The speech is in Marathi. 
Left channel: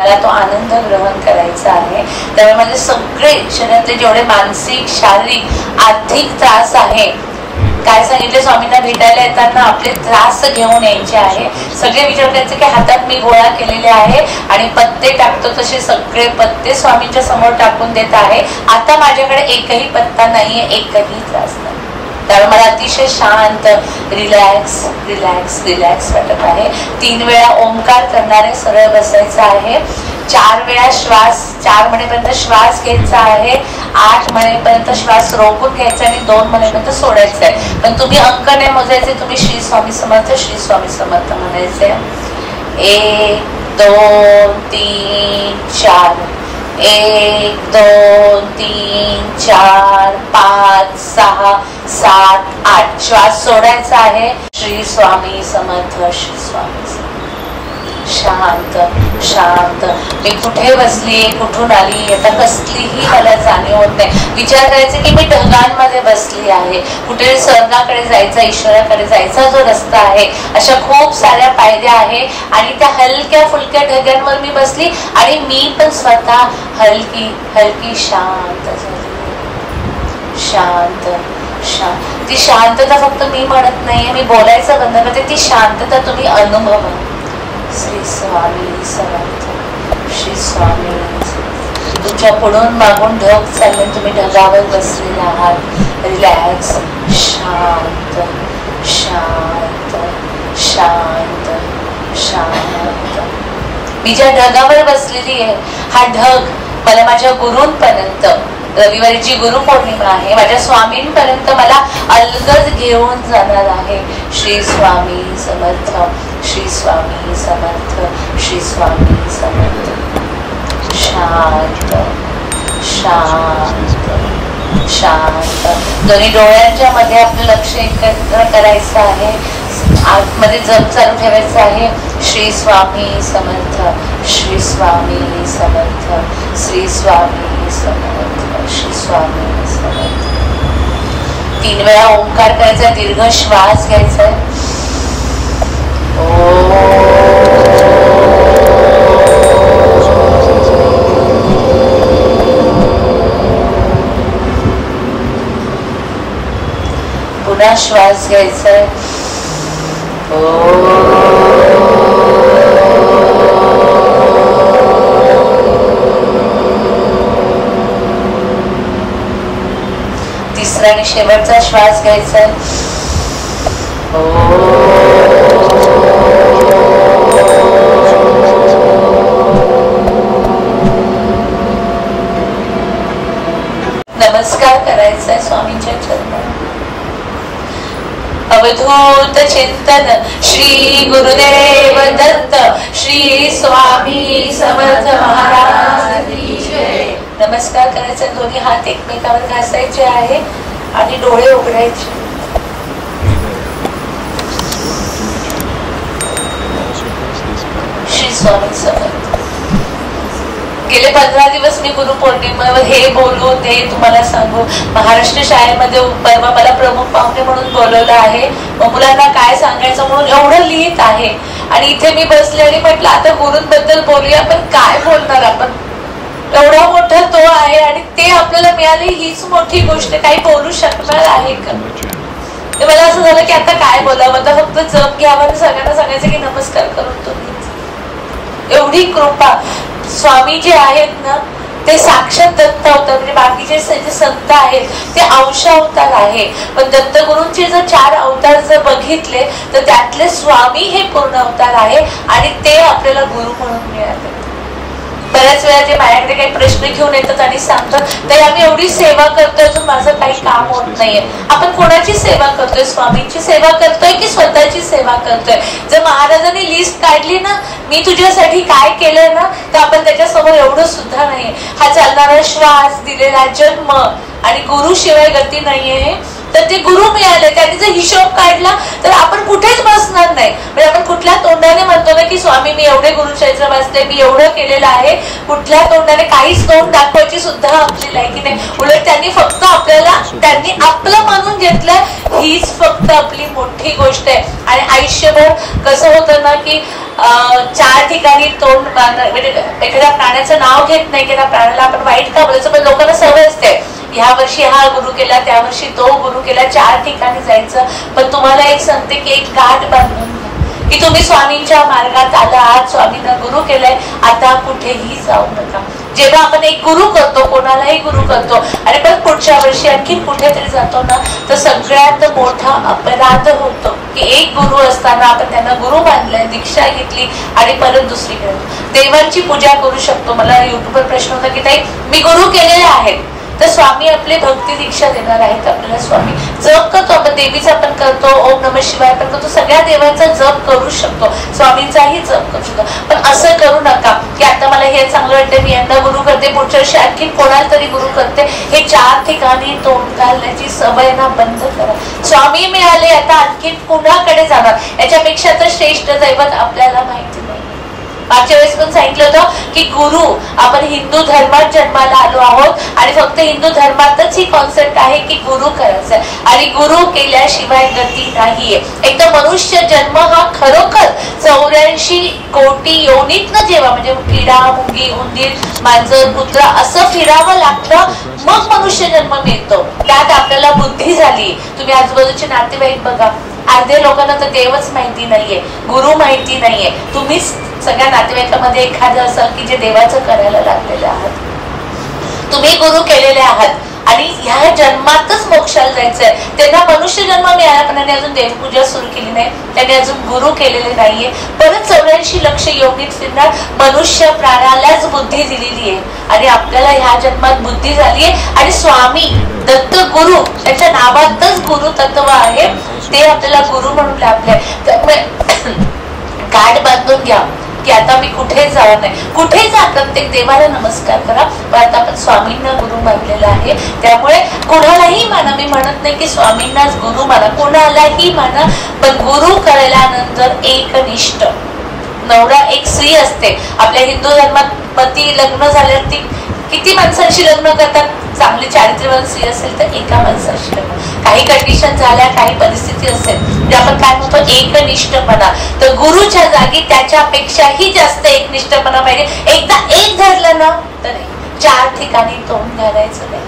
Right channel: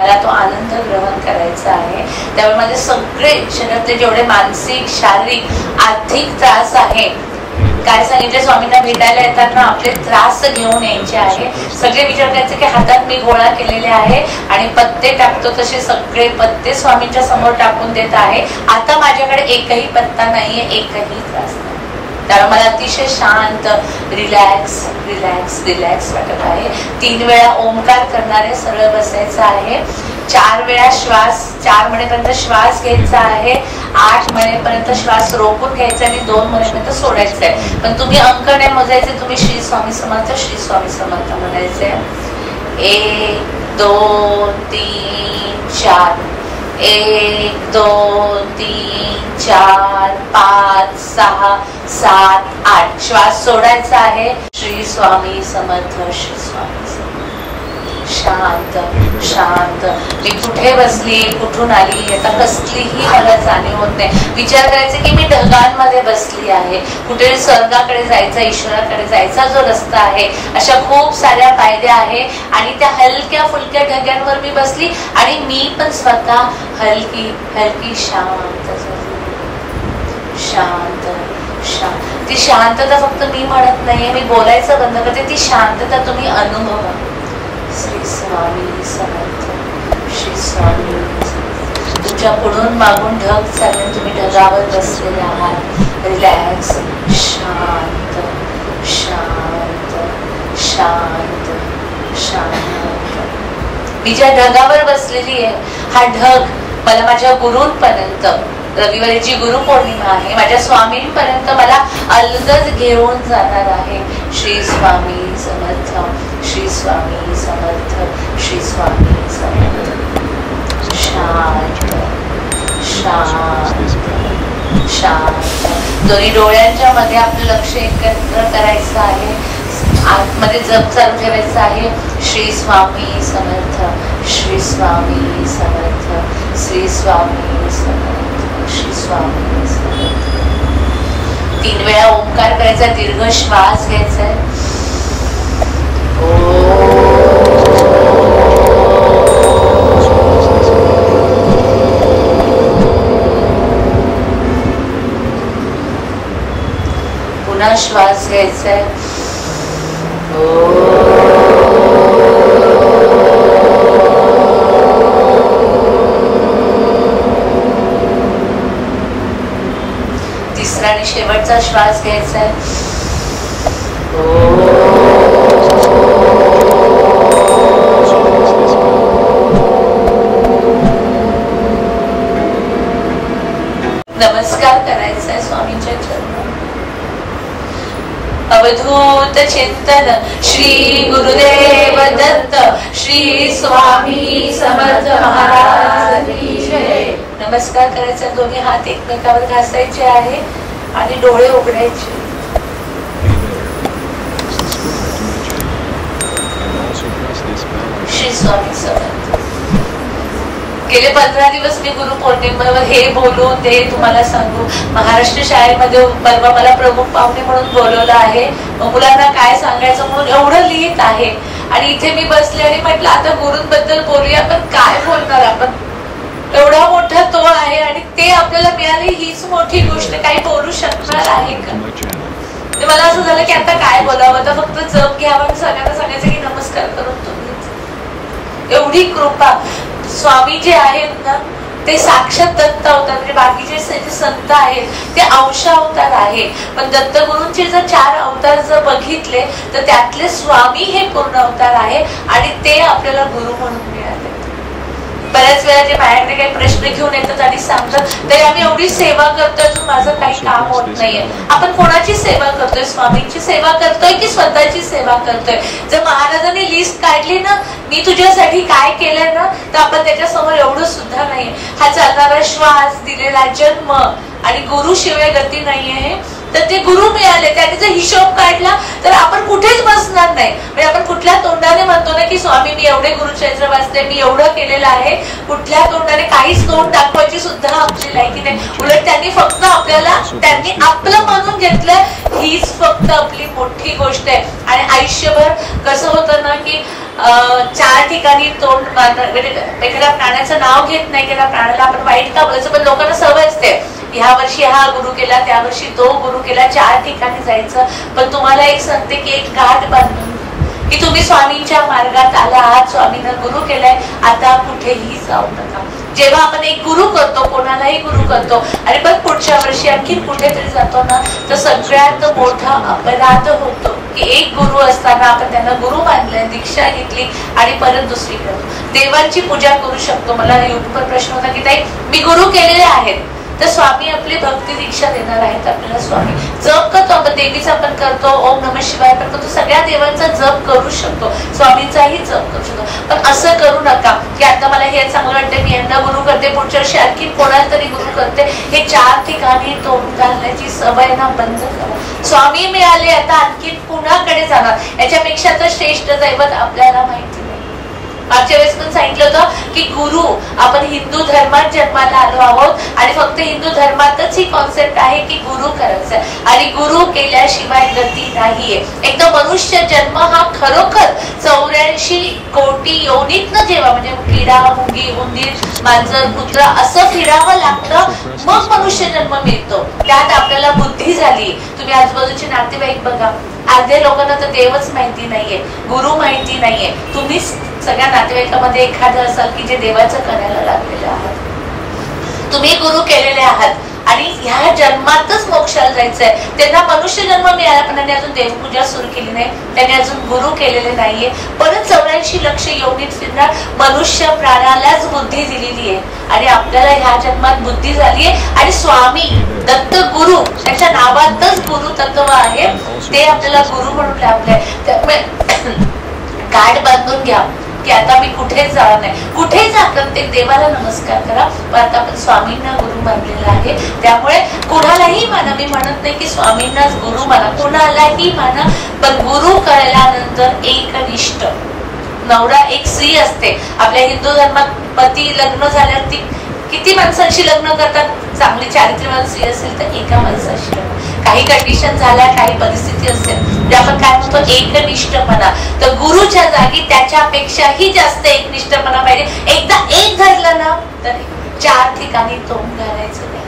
मला तो आनंद ग्रहण करायचा आहे. त्यामुळे माझे सगळे शरीरातले जेवढे मानसिक, शारीरिक, आर्थिक त्रास आहे, काय सांगितलं स्वामींना भेटायला येताना आपले त्रास घेऊन यायचे आहे. सगळे विचार करायचे की हातात मी गोळा केलेले आहे आणि पत्ते टाकतो तसे सगळे पत्ते स्वामींच्या समोर टाकून देत आहे. आता माझ्याकडे एकही पत्ता नाहीये, एकही त्रास नाही. त्यामुळे मला अतिशय शांत, रिलॅक्स रिलॅक्स रिलॅक्स वाटत आहे. 3 वेळा ओंकार करणारे सरळ बसायचं आहे. 4 वेळा श्वास, 4 म्हणेपर्यंत श्वास घ्यायचा आहे, 8 म्हणेपर्यंत श्वास रोखून घ्यायचा आणि 2 म्हणेपर्यंत सोडायचा आहे. पण तुम्ही अंक नाही मोजायचे, तुम्ही श्री स्वामी समर्थ, श्री स्वामी समर्थ म्हणायचे. 1 2 3 4, 1 2 3 4 5 6 7 8. श्वास सोडायचा आहे. श्री स्वामी समर्थ, श्री स्वामी समर्थ. शांत शांत. मी कुठे बसली, कुठून आली, आता कसलीही मला जाणीव होत नाही. विचार करायचे की मी ढगांमध्ये बसली आहे. कुठे स्वर्गाकडे जायचा, ईश्वराकडे जायचा जो रस्ता आहे, अशा खूप साऱ्या पायऱ्या आहे आणि त्या हलक्या फुलक्या ढगांवर मी बसली आणि मी पण स्वतः हलकी हलकी शांत झाली. शांत शांत. ती शांतता फक्त मी म्हणत नाहीये, मी बोलायचं बंद करते. ती शांतता तुम्ही अनुभवा. श्री स्वामी समर्थ, श्री स्वामी. तुमच्या पुढून मागून ढग चालले, तुम्ही ढगावर बसलेले आहात. रिलॅक्स, शांत शांत शांत शांत. मी ज्या ढगावर बसलेली आहे, हा ढग मला माझ्या गुरूंपर्यंत, रविवारीची गुरुपौर्णिमा आहे, माझ्या स्वामींपर्यंत मला अलगद घेऊन जाणार आहे. श्री स्वामी समर्थ, श्री स्वामी समर्थ, श्री स्वामी समर्थ. शांत शांत शांत. दोन्ही डोळ्यांच्या मध्ये आपलं लक्ष एकत्र करायचं आहे. आतमध्ये जप चालू ठेवायचं आहे. श्री स्वामी समर्थ, श्री स्वामी समर्थ, श्री स्वामी समर्थ, श्री स्वामी समर्थ. 3 वेळा ओंकार करायचा, दीर्घ श्वास घ्यायचा. पुन्हा श्वास घ्यायचा. तिसरा आणि शेवटचा श्वास घ्यायचा. नमस्कार करायचा स्वामींच्या चरणात. अवधूत चिंतन श्री गुरुदेव दत्त, श्री स्वामी समर्थ महाराज की जय. नमस्कार करायचा. दोन्ही हात एकमेकावर घासायचे आहे आणि डोळे उघडायचे. श्री स्वामी समर्थ. गेले 15 दिवस मी गुरुपौर्णिमेवर हे बोलू ते तुम्हाला सांगू. महाराष्ट्र शाळेमध्ये परवा मला प्रमुख पाहुणे म्हणून बोलवलं आहे. मुलांना काय सांगायचं म्हणून एवढं लिहित आहे आणि इथे मी बसले आणि म्हटलं आता गुरूंबद्दल बोलूया. पण काय बोलणार आपण, एवढा मोठा तो आहे आणि ते आपल्याला मिळाली हीच मोठी गोष्ट. काही बोलू शकणार आहे का? मला असं झालं की आता काय बोलावं. आता फक्त जप घ्यावं आणि सगळ्यांना सांगायचं की नमस्कार करून तुम्ही. एवढी कृपा. स्वामी जे आहेत ना ते साक्षात दत्त अवतार, म्हणजे बाकीचे जे संत आहेत ते अंश अवतार आहे. पण दत्तगुरूंचे जर 4 अवतार जर बघितले तर त्यातले स्वामी हे पूर्ण अवतार आहे आणि ते आपल्याला गुरु म्हणून मिळाले. बऱ्याच वेळा ते माझ्याकडे काही प्रश्न घेऊन येतात आणि सांगतात तर आम्ही एवढी सेवा करतोय अजून माझं काही काम होत नाहीये. आपण कोणाची सेवा करतोय? स्वामींची सेवा करतोय की स्वतःची सेवा करतोय? जर महाराजांनी लिस्ट काढली ना मी तुझ्यासाठी काय केलं ना, तर आपण त्याच्यासमोर एवढं सुद्धा नाही. हा चालणारा श्वास, दिलेला जन्म आणि गुरु शिवाय गती नाहीये. तर ते गुरु मिळाले, त्यांनी जर हिशोब काढला तर आपण कुठेच बसणार नाही. म्हणजे आपण कुठल्या तोंडाने म्हणतो ना की स्वामी मी एवढे गुरुचरित्र वाचले, मी एवढं केलेलं आहे, कुठल्या तोंडाने काहीच तोंड दाखवायची सुद्धा आमची लायकी नाही. उलट त्यांनी फक्त आपल्याला त्यांनी आपलं मानून घेतलं, हीच फक्त आपली मोठी गोष्ट आहे. आणि आयुष्यभर कसं होतं ना की 4 ठिकाणी तोंड, म्हणजे एखाद्या प्राण्याचं नाव घेत नाही की त्या प्राण्याला आपण वाईट का बोलायचं, पण लोकांना सवय असते ह्या वर्षी हा गुरु केला, त्या वर्षी तो गुरु केला, 4 ठिकाणी जायचं. पण तुम्हाला एक सांगते की एक गाठ बांधून घ्या की तुम्ही स्वामींच्या मार्गात आला आहात, स्वामींना गुरु केलाय, आता कुठेही जाऊ नका. जेव्हा आपण एक गुरु करतो, कोणालाही गुरु करतो आणि पण पुढच्या वर्षी आणखी कुठेतरी जातो ना, तर सगळ्यात मोठा अपराध होतो की एक गुरु असताना आपण त्यांना गुरु मानलंय, दीक्षा घेतली आणि परत दुसरीकडे देवांची पूजा करू शकतो. मला युट्यूबवर प्रश्न होता की ताई मी गुरु केलेले आहेत, तर स्वामी आपले भक्ती दीक्षा देणार आहेत आपल्याला. स्वामी जप करतो आपण, देवीचा पण करतो, ओम नमः शिवाय पण करतो, सगळ्या देवांचा जप करू शकतो, स्वामींचाही जप करू शकतो. पण असं करू नका की आता मला हे चांगलं वाटते, मी यांना गुरु करते, पुढच्या वर्षी आणखी कोणाला तरी गुरु करते. हे 4 ठिकाणी तोंड घालण्याची सवय ना बंद करा. स्वामी मिळाले, आता आणखी कुणाकडे जाणार, याच्यापेक्षा तर श्रेष्ठ दैवत आपल्याला माहिती नाही. मागच्या वेळेस पण सांगितलं होतं की गुरु, आपण हिंदू धर्मात जन्माला आलो आहोत आणि फक्त हिंदू धर्मातच ही कॉन्सेप्ट आहे की गुरु करायचा आणि गुरु केल्याशिवाय गती नाहीये. एक तर मनुष्य जन्म हा खरोखर 84 कोटी योनीतनं जेव्हा, म्हणजे किडा, मुंगी, उंदीर, मांजर, कुत्रा असं फिरावं लागतं, मग मनुष्य जन्म मिळतो. त्यात आपल्याला बुद्धी झाली. तुम्ही आजूबाजूचे नातेवाईक बघा, अर्धे लोकांना तर देवच माहिती नाहीये, गुरु माहिती नाहीये. तुम्हीच सगळ्या नातेवाईकामध्ये एखादं असाल की जे देवाचं करायला लागलेले आहात, तुम्ही गुरु केलेले आहात आणि ह्या जन्मातच मोक्षाला जायचंय. त्यांना मनुष्य जन्म मिळाला पण त्यांनी अजून देवपूजा सुरू केली नाही, त्यांनी अजून गुरु केलेले नाहीये. परत 84 लक्ष योनीत फिरणार. मनुष्य प्राण्यालाच बुद्धी दिलेली आहे आणि आपल्याला ह्या जन्मात बुद्धी झालीये आणि स्वामी दत्त गुरु, त्याच्या नावातच गुरु तत्व आहे, ते आपल्याला गुरु म्हणून लाभलंय. त्यामुळे गाठ बांधून घ्या की आता मी कुठेच जाणार नाही. कुठे जा, प्रत्येक देवाला नमस्कार करा, पण आता आपण स्वामींना गुरु मानलेला आहे. त्यामुळे कुणालाही माना, मी म्हणत नाही की स्वामींनाच गुरु माना, कुणालाही माना, पण गुरु करायल्यानंतर एकनिष्ठ. नवरा एक स्त्री असते. आपल्या हिंदू धर्मात पती लग्न झाल्यावर ती किती माणसांशी लग्न करतात? चांगली चारित्र्यवान स्त्री असेल तर एका माणसाशी लग्न. काही कंडिशन झाल्या, काही परिस्थिती असेल ते आपण काय म्हणतो एकनिष्ठपणा. तर गुरुच्या जागी त्याच्यापेक्षाही जास्त एकनिष्ठपणा पाहिजे. एकदा एक धरलं ना तर 4 ठिकाणी तोंड घालायचं नाही.